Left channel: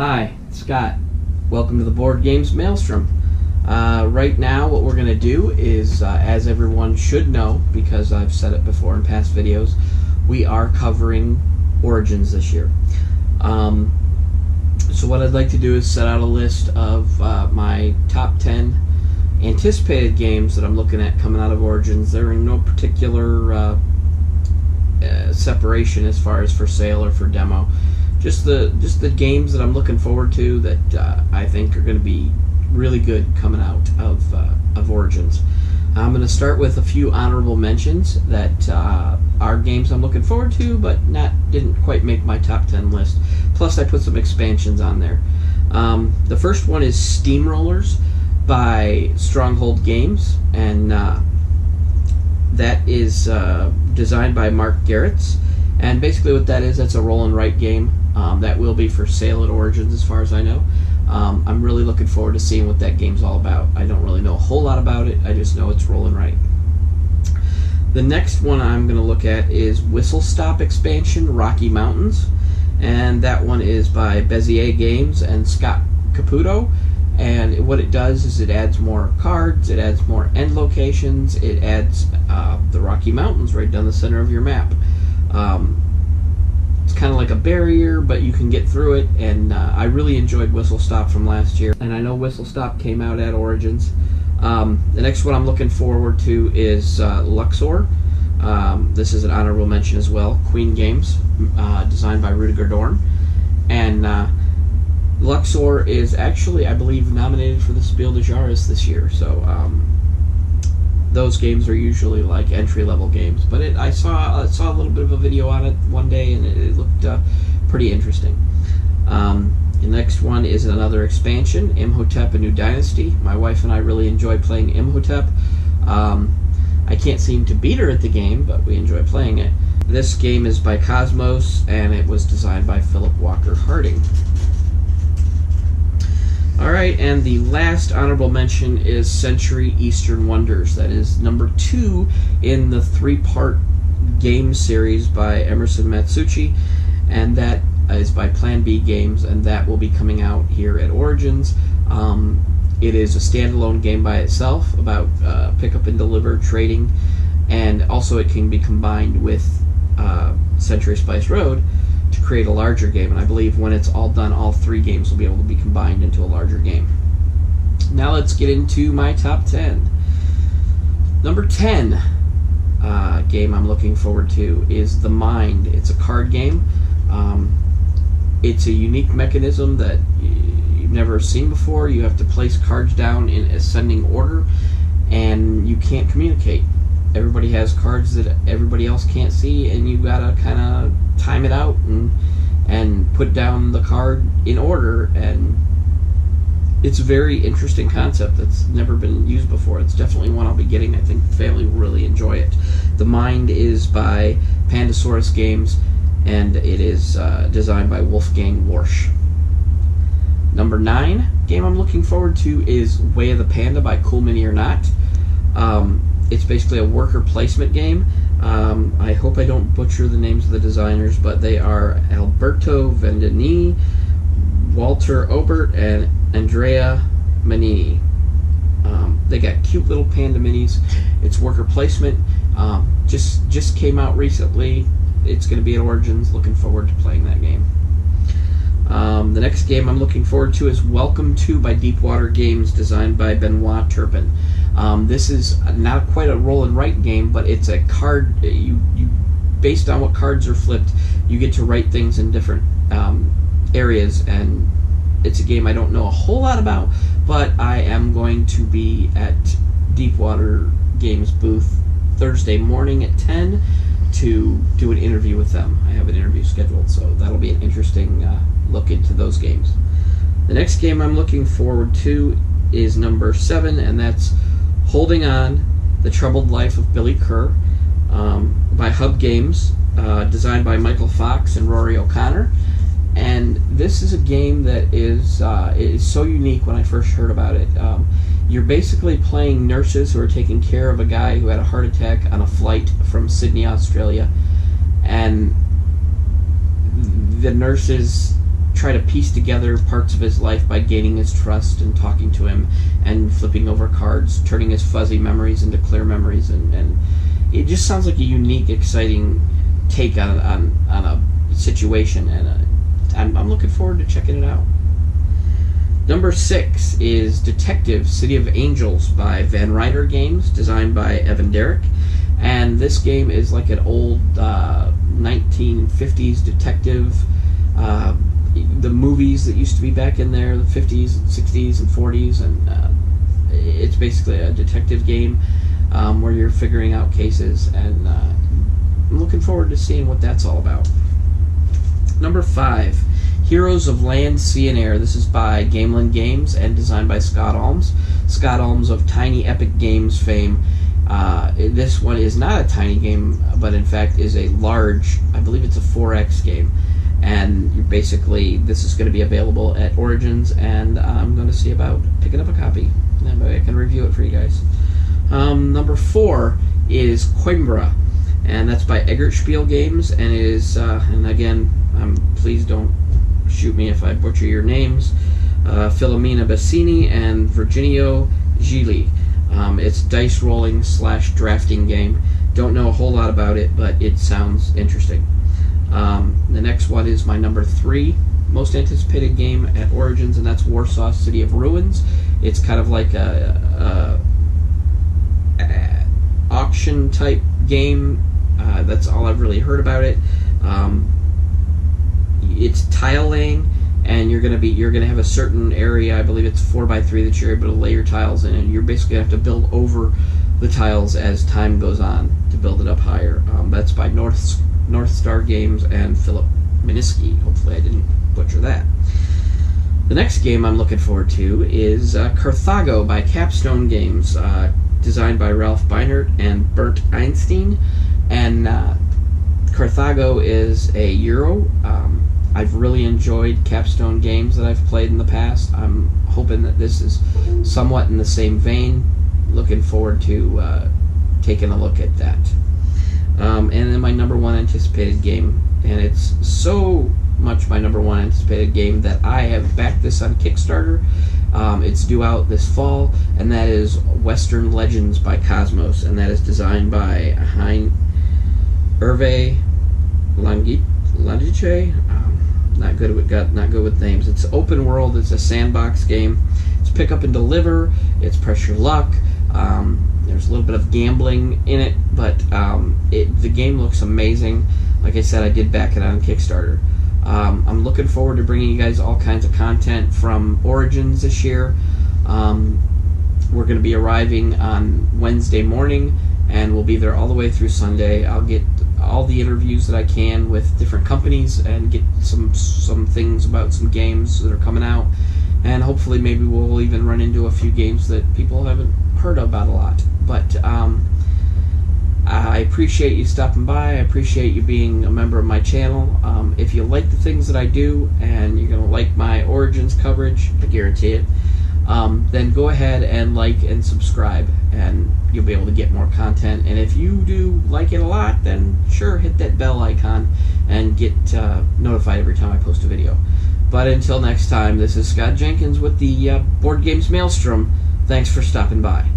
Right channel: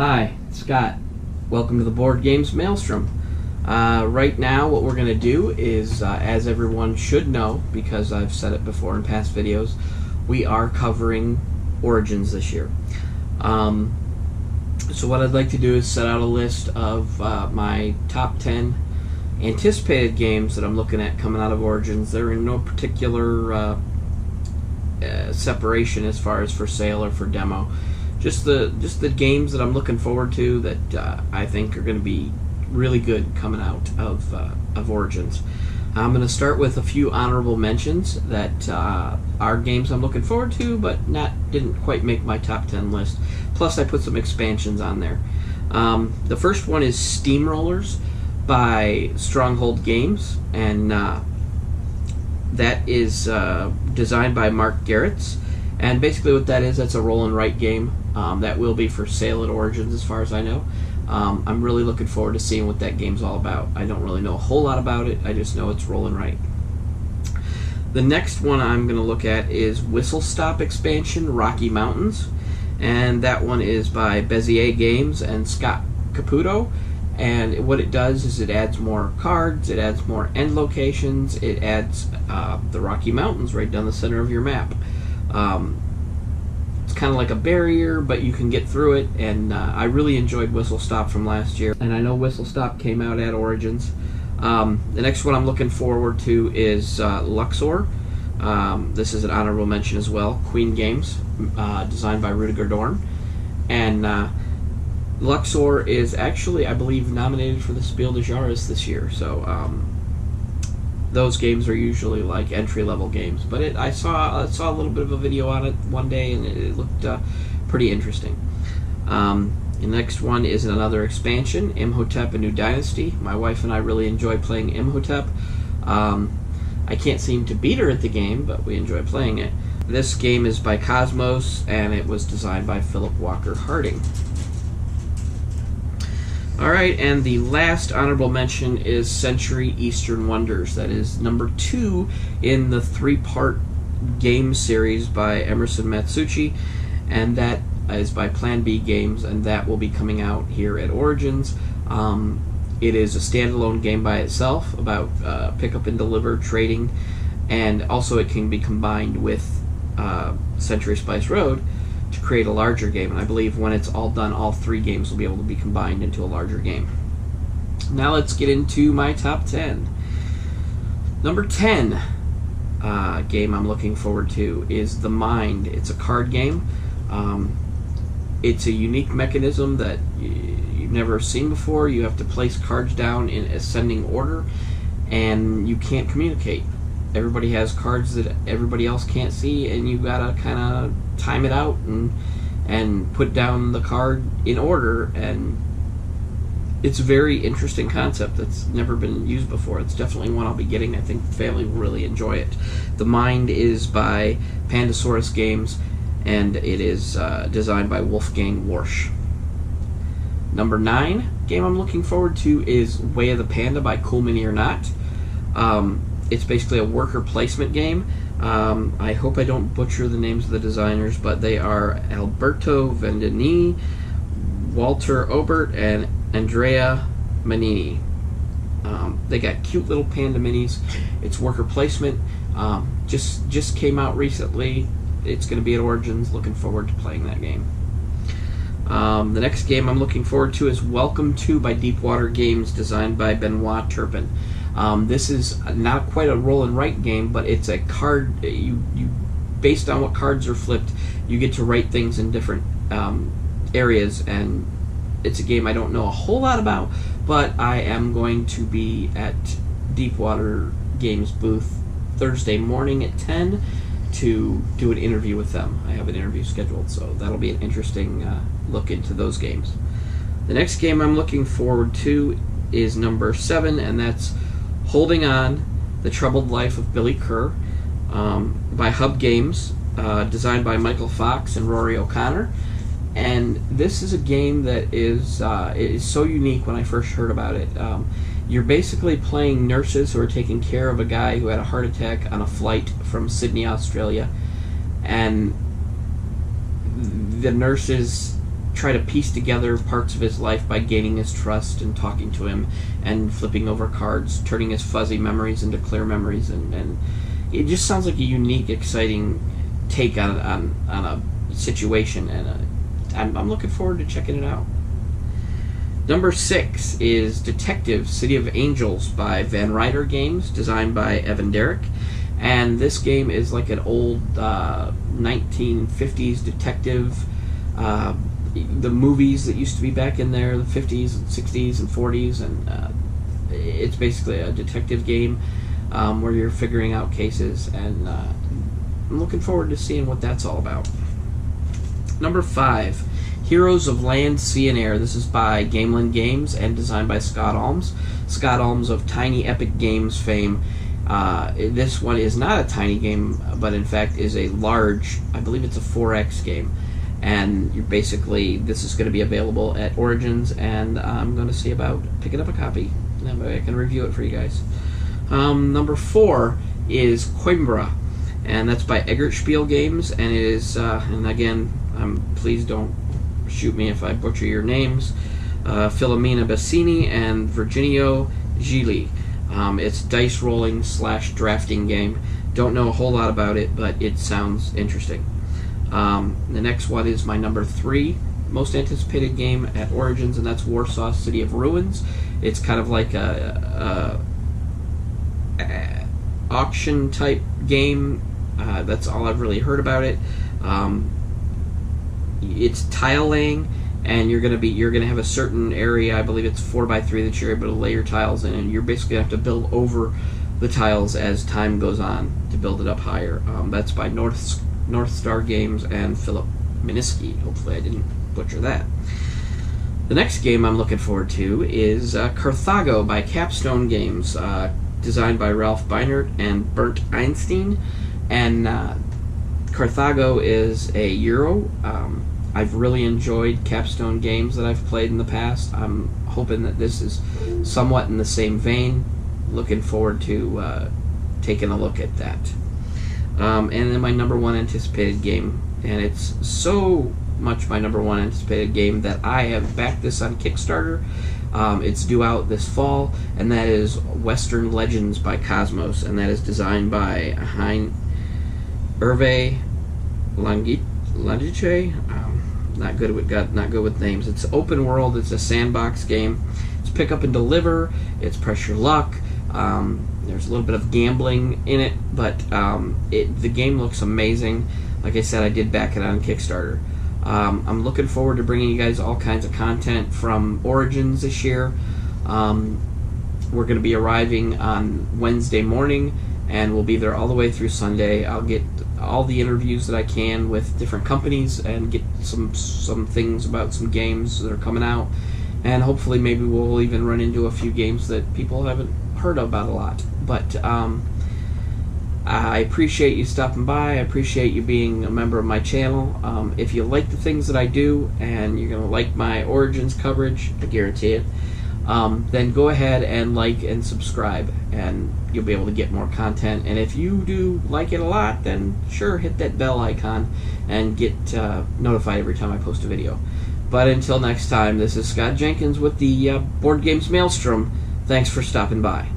Hi, Scott. Welcome to the Board Games Maelstrom. Right now what we're going to do is, as everyone should know, because I've said it before in past videos, we are covering Origins this year. So what I'd like to do is set out a list of my top 10 anticipated games that I'm looking at coming out of Origins. They're in no particular separation as far as for sale or for demo. Just the games that I'm looking forward to that I think are going to be really good coming out of Origins. I'm going to start with a few honorable mentions that are games I'm looking forward to, but didn't quite make my top 10 list. Plus, I put some expansions on there. The first one is Steamrollers by Stronghold Games, and that is designed by Mark Garretts. And basically what that is, that's a roll and write game that will be for sale at Origins as far as I know. I'm really looking forward to seeing what that game's all about. I don't really know a whole lot about it, I just know it's roll and write. The next one I'm going to look at is Whistle Stop expansion, Rocky Mountains. And that one is by Bezier Games and Scott Caputo. And what it does is it adds more cards, it adds more end locations, it adds the Rocky Mountains right down the center of your map. It's kind of like a barrier, but you can get through it, and I really enjoyed Whistle Stop from last year, and I know Whistle Stop came out at Origins. The next one I'm looking forward to is Luxor. This is an honorable mention as well. Queen Games, designed by Rudiger Dorn, and Luxor is actually, I believe, nominated for the Spiel des Jahres this year, so those games are usually like entry-level games, but I saw a little bit of a video on it one day, and it looked pretty interesting. The next one is another expansion, Imhotep: A New Dynasty. My wife and I really enjoy playing Imhotep. I can't seem to beat her at the game, but we enjoy playing it. This game is by Cosmos, and it was designed by Philip Walker Harding. Alright, and the last honorable mention is Century Eastern Wonders. That is number 2 in the 3-part game series by Emerson Matsuuchi, and that is by Plan B Games, and that will be coming out here at Origins. It is a standalone game by itself about pick up and deliver trading, and also it can be combined with Century Spice Road to create a larger game, and I believe when it's all done, all 3 games will be able to be combined into a larger game. Now let's get into my top 10. Number 10 game I'm looking forward to is The Mind. It's a card game. It's a unique mechanism that you've never seen before. You have to place cards down in ascending order, and you can't communicate. Everybody has cards that everybody else can't see, and you gotta kind of time it out and put down the card in order, and it's a very interesting concept that's never been used before. It's definitely one I'll be getting. I think the family will really enjoy it. The Mind is by Pandasaurus Games, and it is designed by Wolfgang Warsch. Number 9 game I'm looking forward to is Way of the Panda by Cool Mini or Not. It's basically a worker placement game. I hope I don't butcher the names of the designers, but they are Alberto Vendini, Walter Obert, and Andrea Manini. They got cute little panda minis. It's worker placement. Just came out recently. It's going to be at Origins. Looking forward to playing that game. The next game I'm looking forward to is Welcome To by Deepwater Games, designed by Benoit Turpin. This is not quite a roll and write game, but it's a card. You based on what cards are flipped, you get to write things in different areas, and it's a game I don't know a whole lot about, but I am going to be at Deepwater Games booth Thursday morning at 10 to do an interview with them. I have an interview scheduled, so that'll be an interesting look into those games. The next game I'm looking forward to is number 7, and that's Holding On, The Troubled Life of Billy Kerr, by Hub Games, designed by Michael Fox and Rory O'Connor. And this is a game that is so unique when I first heard about it. You're basically playing nurses who are taking care of a guy who had a heart attack on a flight from Sydney, Australia. And the nurses try to piece together parts of his life by gaining his trust and talking to him and flipping over cards, turning his fuzzy memories into clear memories, and it just sounds like a unique, exciting take on a situation, and I'm looking forward to checking it out. Number 6 is Detective City of Angels by Van Ryder Games, designed by Evan Derrick. And this game is like an old 1950s detective, the movies that used to be back in there, the 50s and 60s and 40s, and it's basically a detective game where you're figuring out cases, and I'm looking forward to seeing what that's all about. Number 5, Heroes of Land, Sea, and Air. This is by Gameland Games and designed by Scott Alms. Scott Alms of Tiny Epic Games fame. This one is not a tiny game, but in fact is a large, I believe it's a 4X game. And you're basically, this is going to be available at Origins, and I'm going to see about picking up a copy. That way I can review it for you guys. Number 4 is Coimbra, and that's by Eggert Spiel Games, and it is, and again, please don't shoot me if I butcher your names, Filomena Bassini and Virginio Gili. It's dice rolling / drafting game. Don't know a whole lot about it, but it sounds interesting. The next one is my number 3 most anticipated game at Origins, and that's Warsaw City of Ruins. It's kind of like a auction type game. That's all I've really heard about it. It's tile laying, and you're gonna have a certain area. I believe it's 4x3 that you're able to lay your tiles in, and you're basically gonna have to build over the tiles as time goes on to build it up higher. That's by North Star Games and Philip Miniski. Hopefully I didn't butcher that. The next game I'm looking forward to is Carthago by Capstone Games, designed by Ralph Beinert and Bernd Einstein. And Carthago is a Euro. I've really enjoyed Capstone games that I've played in the past. I'm hoping that this is somewhat in the same vein. Looking forward to taking a look at that. And then my number 1 anticipated game, and it's so much my number 1 anticipated game that I have backed this on Kickstarter. It's due out this fall, and that is Western Legends by Cosmos, and that is designed by Hervé Langiche. Not good with names. It's open world. It's a sandbox game. It's pick up and deliver. It's press your luck. There's a little bit of gambling in it, but the game looks amazing. Like I said, I did back it on Kickstarter. I'm looking forward to bringing you guys all kinds of content from Origins this year. We're going to be arriving on Wednesday morning, and we'll be there all the way through Sunday. I'll get all the interviews that I can with different companies and get some things about some games that are coming out, and hopefully maybe we'll even run into a few games that people haven't heard about a lot. But I appreciate you stopping by. I appreciate you being a member of my channel. If you like the things that I do and you're going to like my Origins coverage, I guarantee it, then go ahead and like and subscribe, and you'll be able to get more content. And if you do like it a lot, then sure, hit that bell icon and get notified every time I post a video. But until next time, this is Scott Jenkins with the Board Games Maelstrom. Thanks for stopping by.